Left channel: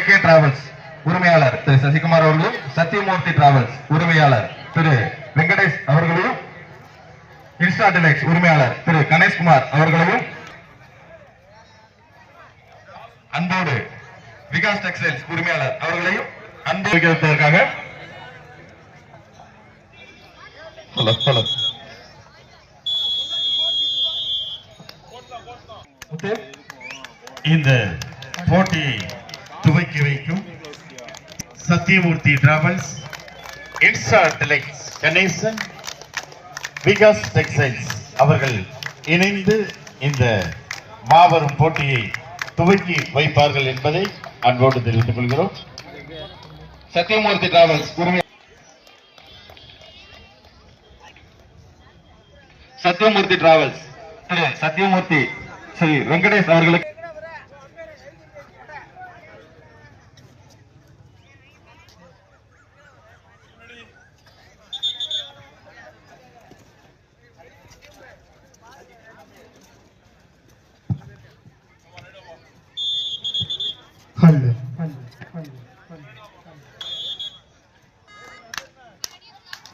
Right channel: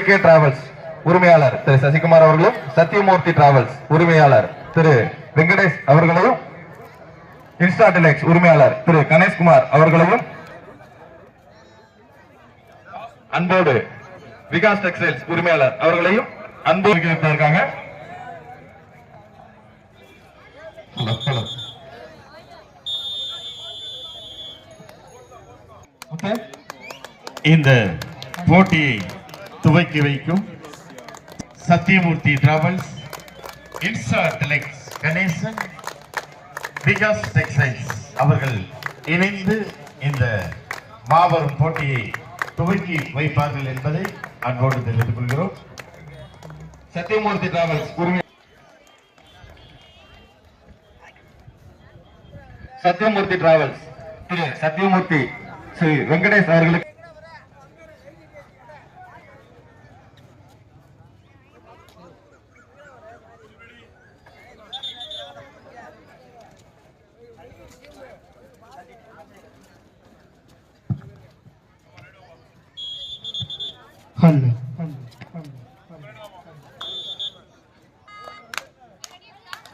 JK travels உரிமையாளர் திரு சசிகுமார் அவர்களும், Sathyamoorthy travels உரிமையாளர் திரு வெங்கடேஷ் அவர்களையும், இன்ஸ்டா டெலக்ஸ் உரிமையாளர் திரு கணேஷ்குமார் அவர்களையும் அன்போடு விகாஸ் டெக்ஸ்டைல்ஸ் உரிமையாளர் அவர்களையும் அன்பு வைப்பதற்காக இந்த போட்டியை துவக்கி வைக்கும் Sathyamoorthy travels, insta deluxe Ganesan, Vikas textiles அவர்கள் இணைந்து இந்த மாபெரும் போட்டியை துவக்கி வைப்பார்கள் என்பதை அன்போடு தெரிவித்துக் கொள்கிறோம். சத்தியமூர்த்தி டிராவல்ஸ் சத்தியமூர்த்தி டிராவல்ஸ் திரு சத்தியமூர்த்தி ஸ்ரீ வெங்கடேஷ் அவர்களுக்கு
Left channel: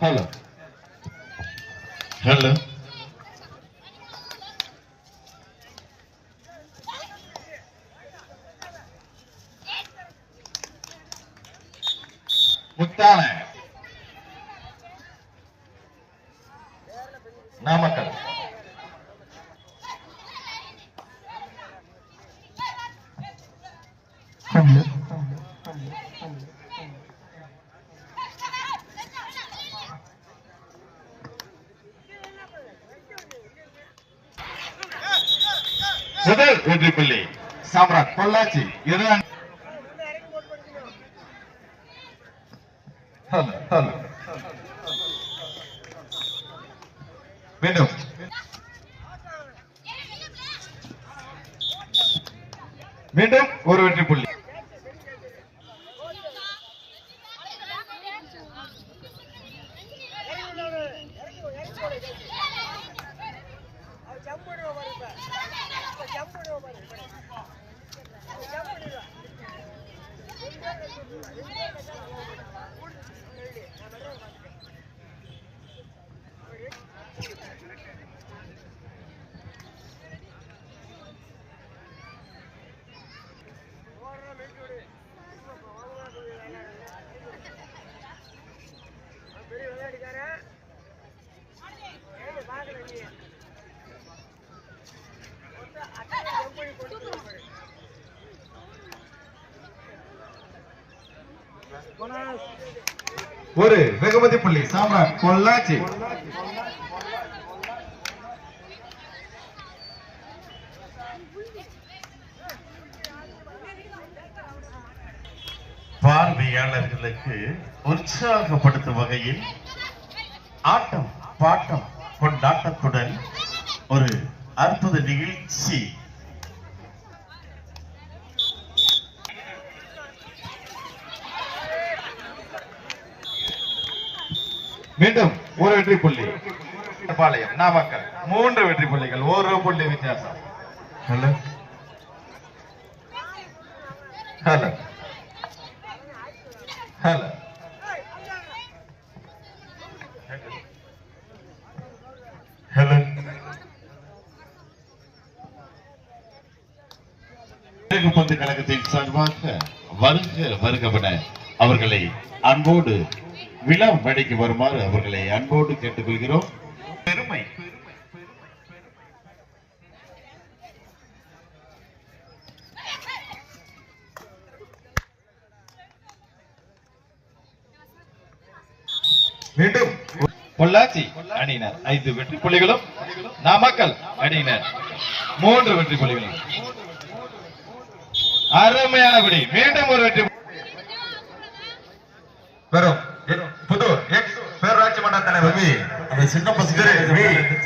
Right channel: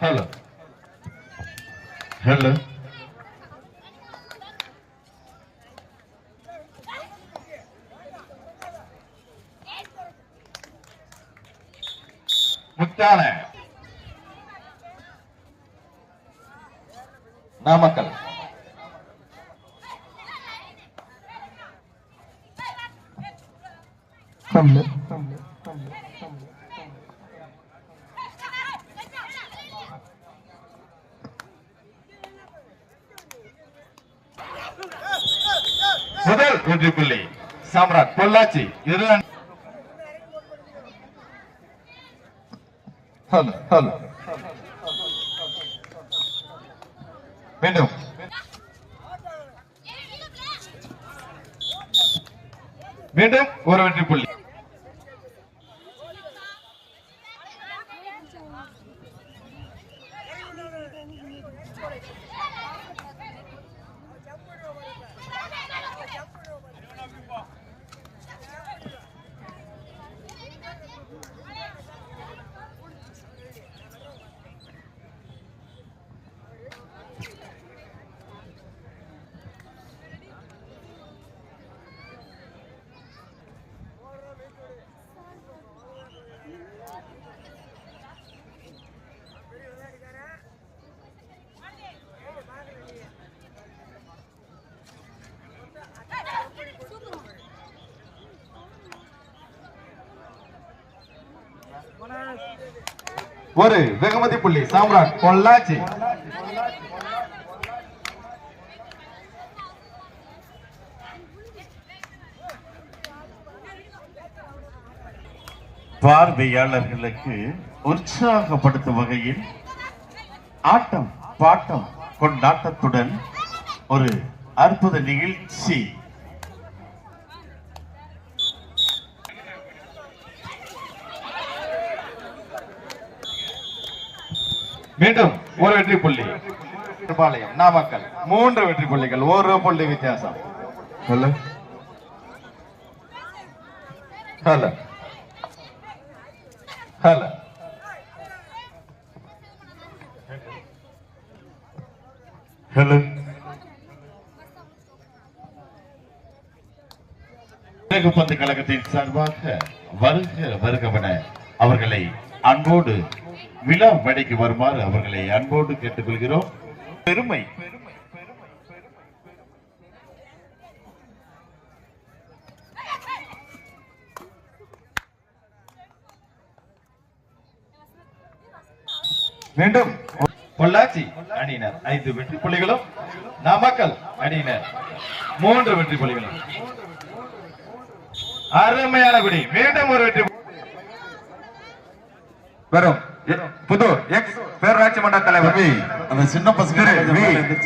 ஹலோ ஹலோ முக்தான நாமக்கல் முதல் வெற்றி புள்ளி சாம்ராட் பொள்ளாச்சி. இதுதான் மீண்டும் மீண்டும் ஒரு வெற்றி புள்ளி. ஒரு வெகுமதி புள்ளி சாம்ராட் பொள்ளாச்சி. பார்வையாளர்களுக்கு உற்சாகப்படுத்தும் வகையில் ஆட்டம் பாட்டம் கொண்டாட்டத்துடன் ஒரு அற்புத நிகழ்ச்சி. மீண்டும் ஒரு வெற்றி புள்ளி நாமக்கல். 3 வெற்றி புள்ளிகள், ஒரு புள்ளி வித்தியாசம். ஹலோ ஹலோ ஹலோ ஹலோ பந்து கழகத்தின் சார்பாக வருக வருகவன அவர்களை அன்போடு விழா மேடைக்கு வருமாறு அவர்களை அன்போடு கேட்டுக்கொள்கிறோம். பெருமை மீண்டும் பொள்ளாச்சி அணியினர் 5 வெற்றி புள்ளிகளும், நாமக்கல் அணியினர் 3 வெற்றி புள்ளிகளும். அருமையான குடி. மீண்டும் ஒரு வெற்றி வரும் புதூர் எக்ஸ் பேரூராட்சி மன்ற தலைவர் சின்ன பசங்க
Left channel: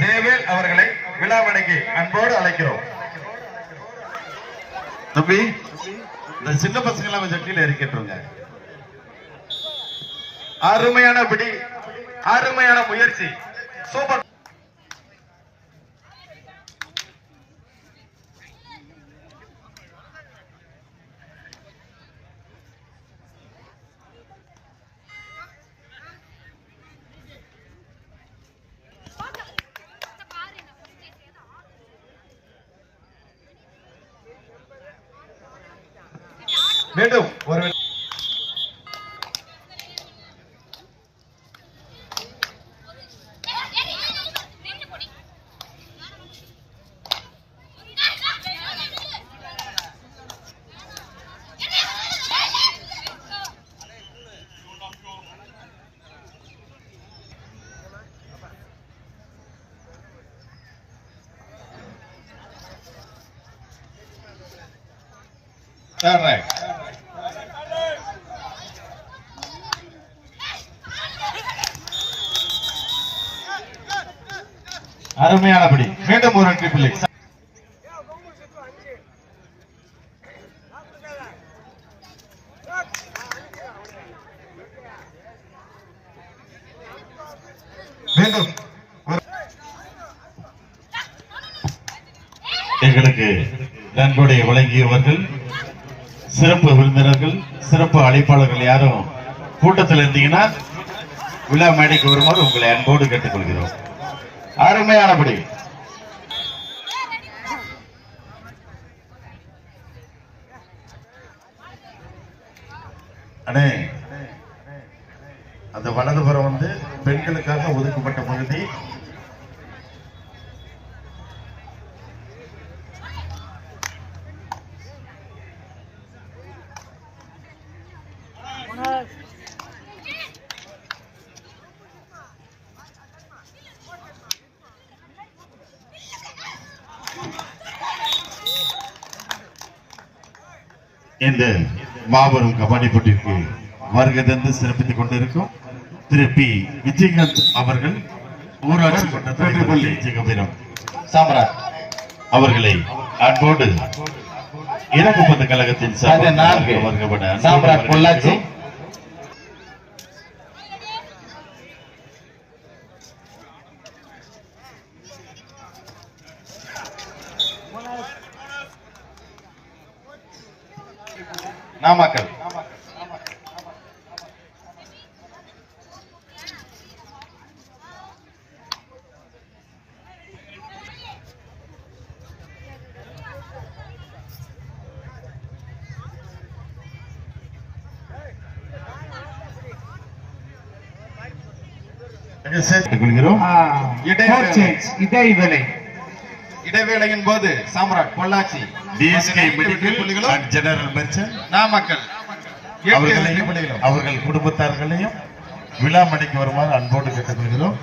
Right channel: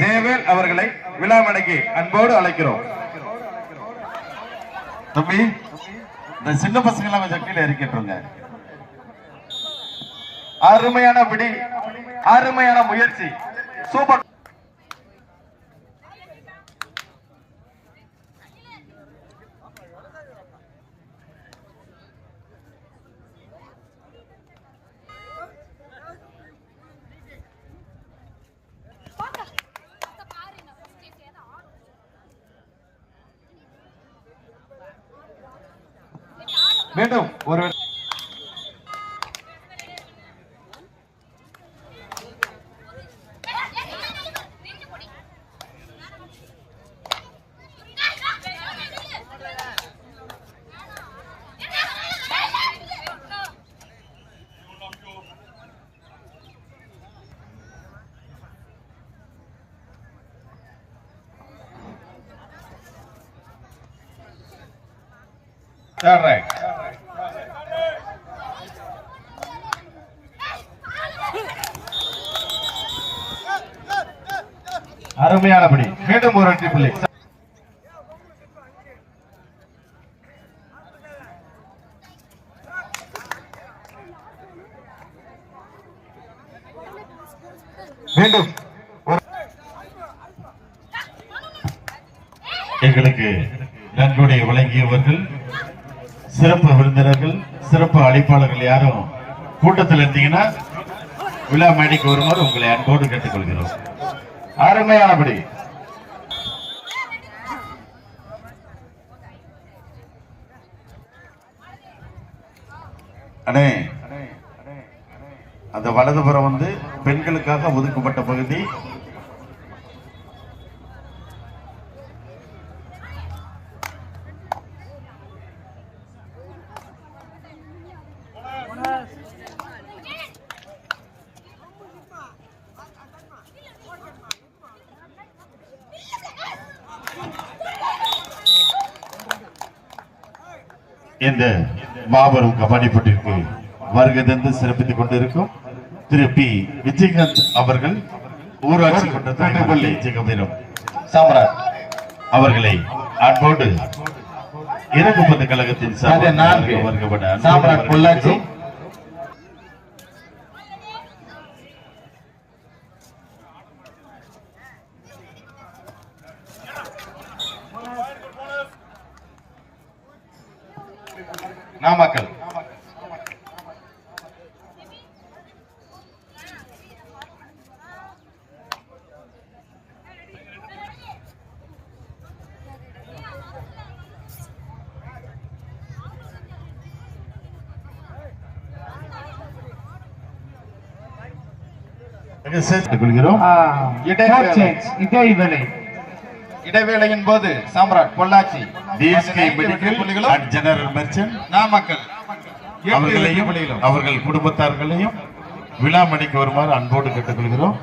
ஜெயவேல் அவர்களை விழா மேடைக்கு அன்போடு அழைக்கிறோம். தம்பி, இந்த சின்ன பசங்க எல்லாம் கொஞ்சம் கீழே இறக்கிட்டுருங்க. அருமையான பிடி, அருமையான முயற்சி, சூப்பர். மீண்டும் ஒரு third right. அருமையானபடி மீண்டும் ஒரு வெற்றி புள்ளி. மீண்டும் எங்களுக்கு நன்கொடை வழங்கியவர்கள், சிறப்பு விருந்தினர்கள், சிறப்பு அழைப்பாளர்கள் யாரும் கூட்டத்தில் இருந்தீங்கன்னா விழா மேடைக்கு வருமாறு உங்களை அன்போடு கேட்டுக்கொள்கிறோம். அருமையானபடி அண்ணே, அந்த வலதுபுறம் வந்து பெண்களுக்காக ஒதுக்கப்பட்ட பகுதி. இந்த மாபெரும் கபடி போட்டிக்கு வருகை தந்து சிறப்பித்துக் கொண்டிருக்கும் திரு பி விஜயகாந்த் அவர்கள், ஊராட்சி மன்ற விஜயகபீரம் சாம்ராட் அவர்களை அன்போடு இறங்குப்பந்த கழகத்தின் சாம்ராட் பொள்ளாச்சி நாமக்கல் இடைவேளையின் போது சாம்ராட் பொள்ளாச்சி ஜெனரல் மெர்ச்சன்ட் நாமக்கல் அவர்கள் குடும்பத்தார்களையும் விழா மணிக்கு வருமாறு அன்போடு கேட்டுக்கொள்கிறோம்.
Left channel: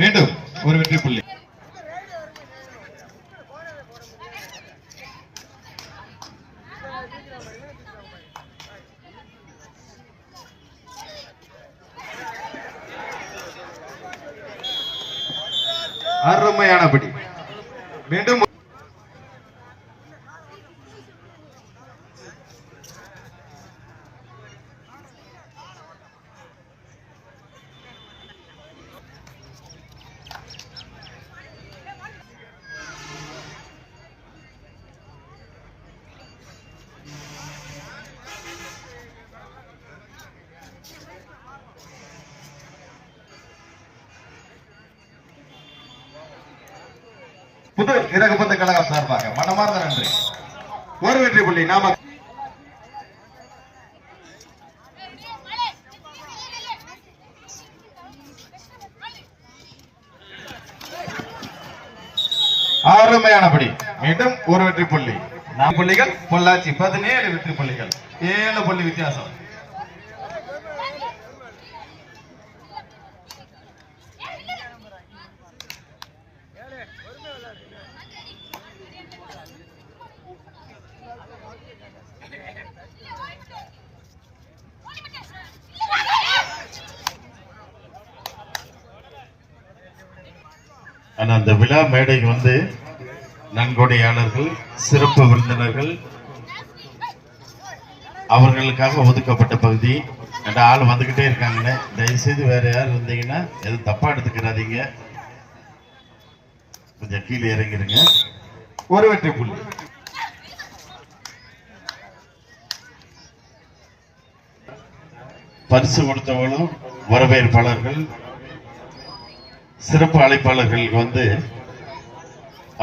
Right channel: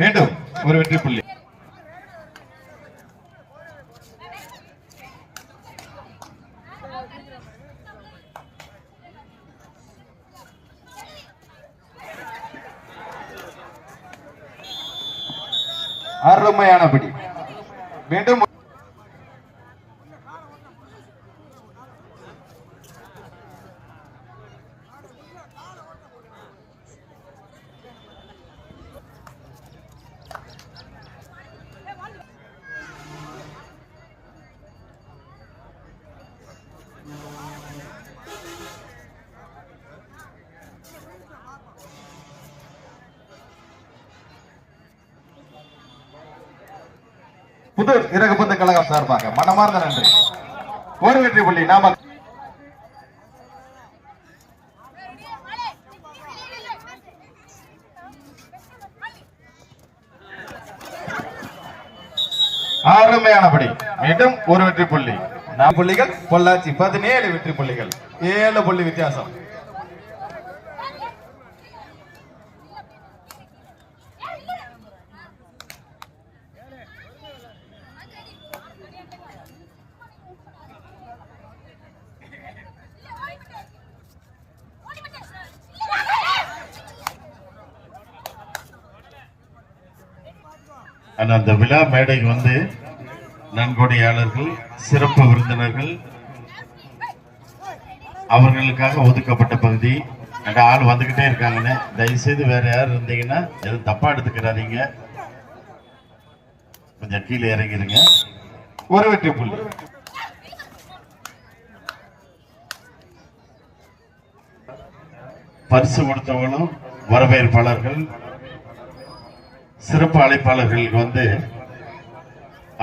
மீண்டும் ஒரு வெற்றி புள்ளி. அருமையானபடி மீண்டும் புதூர் இறகுப்பந்த கழகம் சார்பாக மனமார்ந்த நன்றி. ஒரு வெற்றி புள்ளி. நாம அருமையானபடி மீண்டும் ஒரு வெற்றி புள்ளி. 4 புள்ளிகள். பொள்ளாச்சி 17 வெற்றி புள்ளிகள், 7 புள்ளி வித்தியாசம். அந்த விழா மேடைக்கு வந்து நன்கொடையாளர்கள், சிறப்பு விருந்தினர்கள், அவர்களுக்காக ஒதுக்கப்பட்ட பகுதி. ரெண்டு ஆள் வந்துகிட்டே இருக்காங்கன்னு தயவுசெய்து வேற யாரும் இருந்தீங்கன்னா எதுவும் தப்பா எடுத்துக்கிறாதீங்க. கொஞ்சம் கீழே இறங்கிருங்க. ஒரு வெற்றி புள்ளி. பரிசு கொடுத்தவங்களும் வரவேற்பாளர்கள் சிறப்பு அழைப்பாளர்களுக்கு வந்து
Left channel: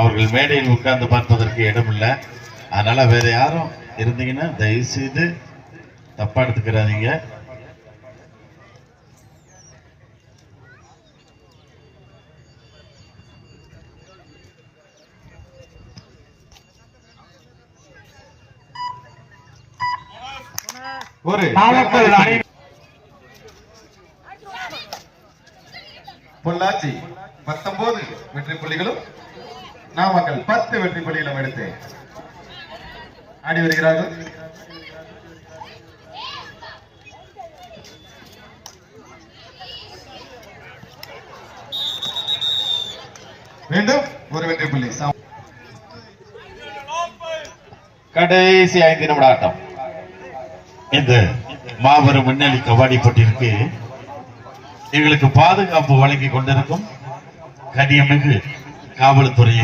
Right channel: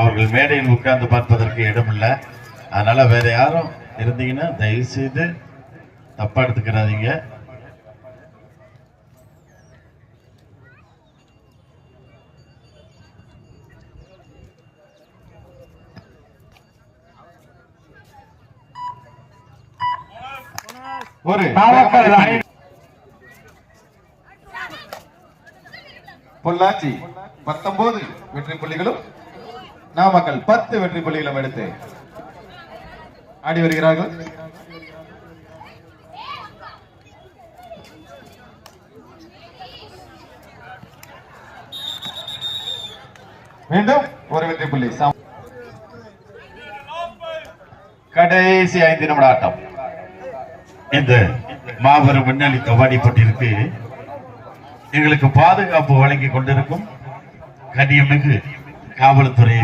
அவர்கள் மேடையில் உட்கார்ந்து பார்ப்பதற்கு இடமில்லை. அதனால வேற யாரும் இருந்தீங்கன்னா தயவு செய்து தப்பா எடுத்துக்கிறாதீங்க. ஒரு பொள்ளாச்சி 19 வெற்றி புள்ளிகளும் நாமக்கல் 10 வெற்றி புள்ளிகளும் எடுத்து ஆடி வருகிறார்கள். மீண்டும் ஒரு வெற்றி புள்ளி. கடைசி 5 நிமிட ஆட்டம். இந்த மாபெரும் முன்னணி கபாடி போட்டியிற்கு எங்களுக்கு பாதுகாப்பு வழங்கி கொண்டிருக்கும் கனியமிகு காவல்துறை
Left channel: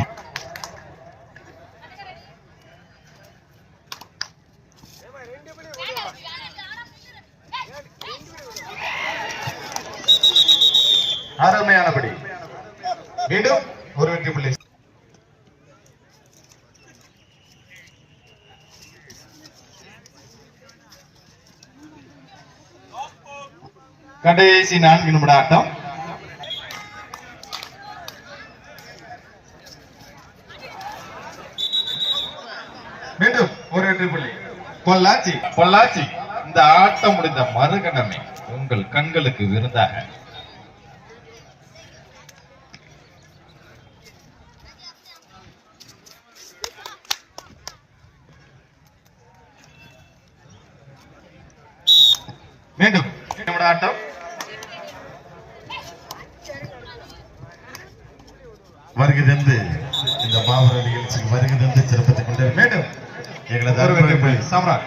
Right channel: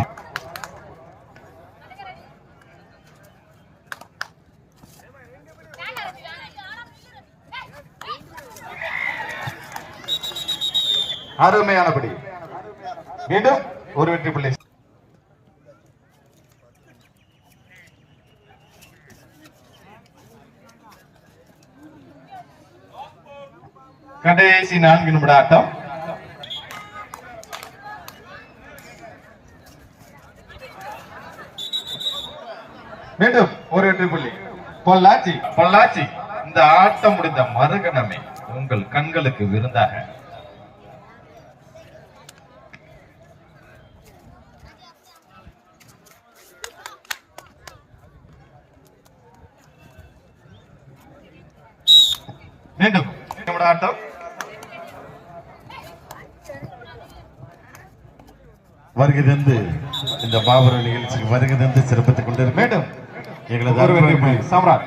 அருமையானபடி. மீண்டும் ஒரு வெற்றி புள்ளி. கடைசி 4 நிமிட ஆட்டம். மீண்டும் ஒரு வெற்றி புள்ளி. பொள்ளாச்சி இந்த ஆட்டம் முடிந்த மறுகணமே உங்கள் கண்களுக்கு விருந்தாக மீண்டும் ஆட்டம். வருகை தந்து இந்த மாபெரும் நிகழ்ச்சிக்கு வருகை தந்து சிறப்பித்துக் கொண்டிருக்கும் மீண்டும் எங்களது சாம்ராட்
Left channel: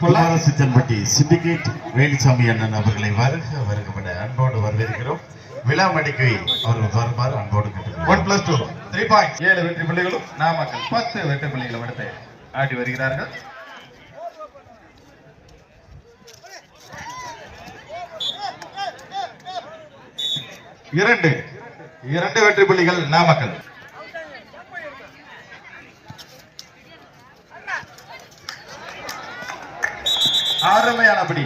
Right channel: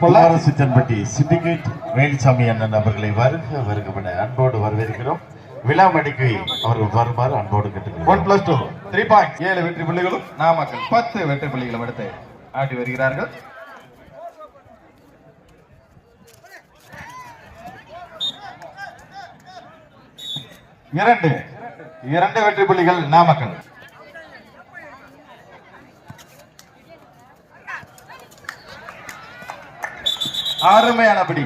பொள்ளாச்சி சிண்டிகேட் வேலுசாமி அண்ணன் அவர்களை வருக அன்போடு வரவேற்கிறோம். விழா மணிக்கு அவர்கள் வருமாறு அன்போடு கேட்டுக்கிறோம். 1+2 3 பாயிண்ட்ஸ். 7 வெற்றி புள்ளிகளும் நாமக்கல் 10 வெற்றி புள்ளிகளும் எடுத்து ஆடி வருகிறார்கள். இரண்டு வெற்றி புள்ளிகள் நாமக்கல். அருமையான பிடி.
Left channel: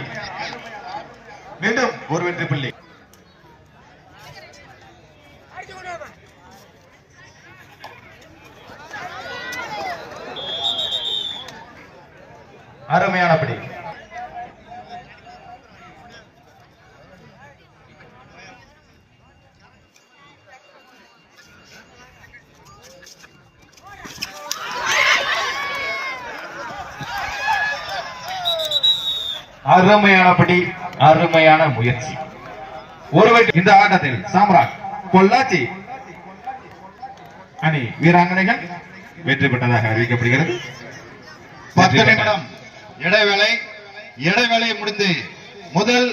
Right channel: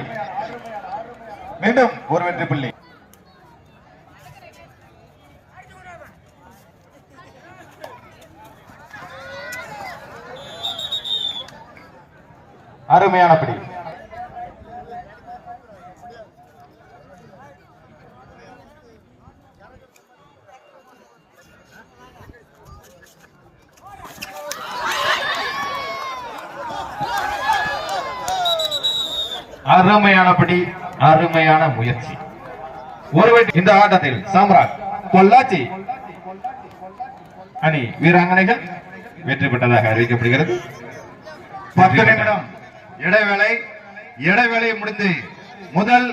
மீண்டும் ஒரு வெற்றி புள்ளி. அருமையான பிடி. அருமையானபடி, அருமையான முயற்சி. இந்த ஆட்டத்தில் சாம்ராட் பொள்ளாச்சி அணி வீராங்கனைகள் வெற்றி பெற்றதாக அறிவிக்கப்படுகிறது. 10 நிமிடம் இடைவேளை முடிந்து முதல்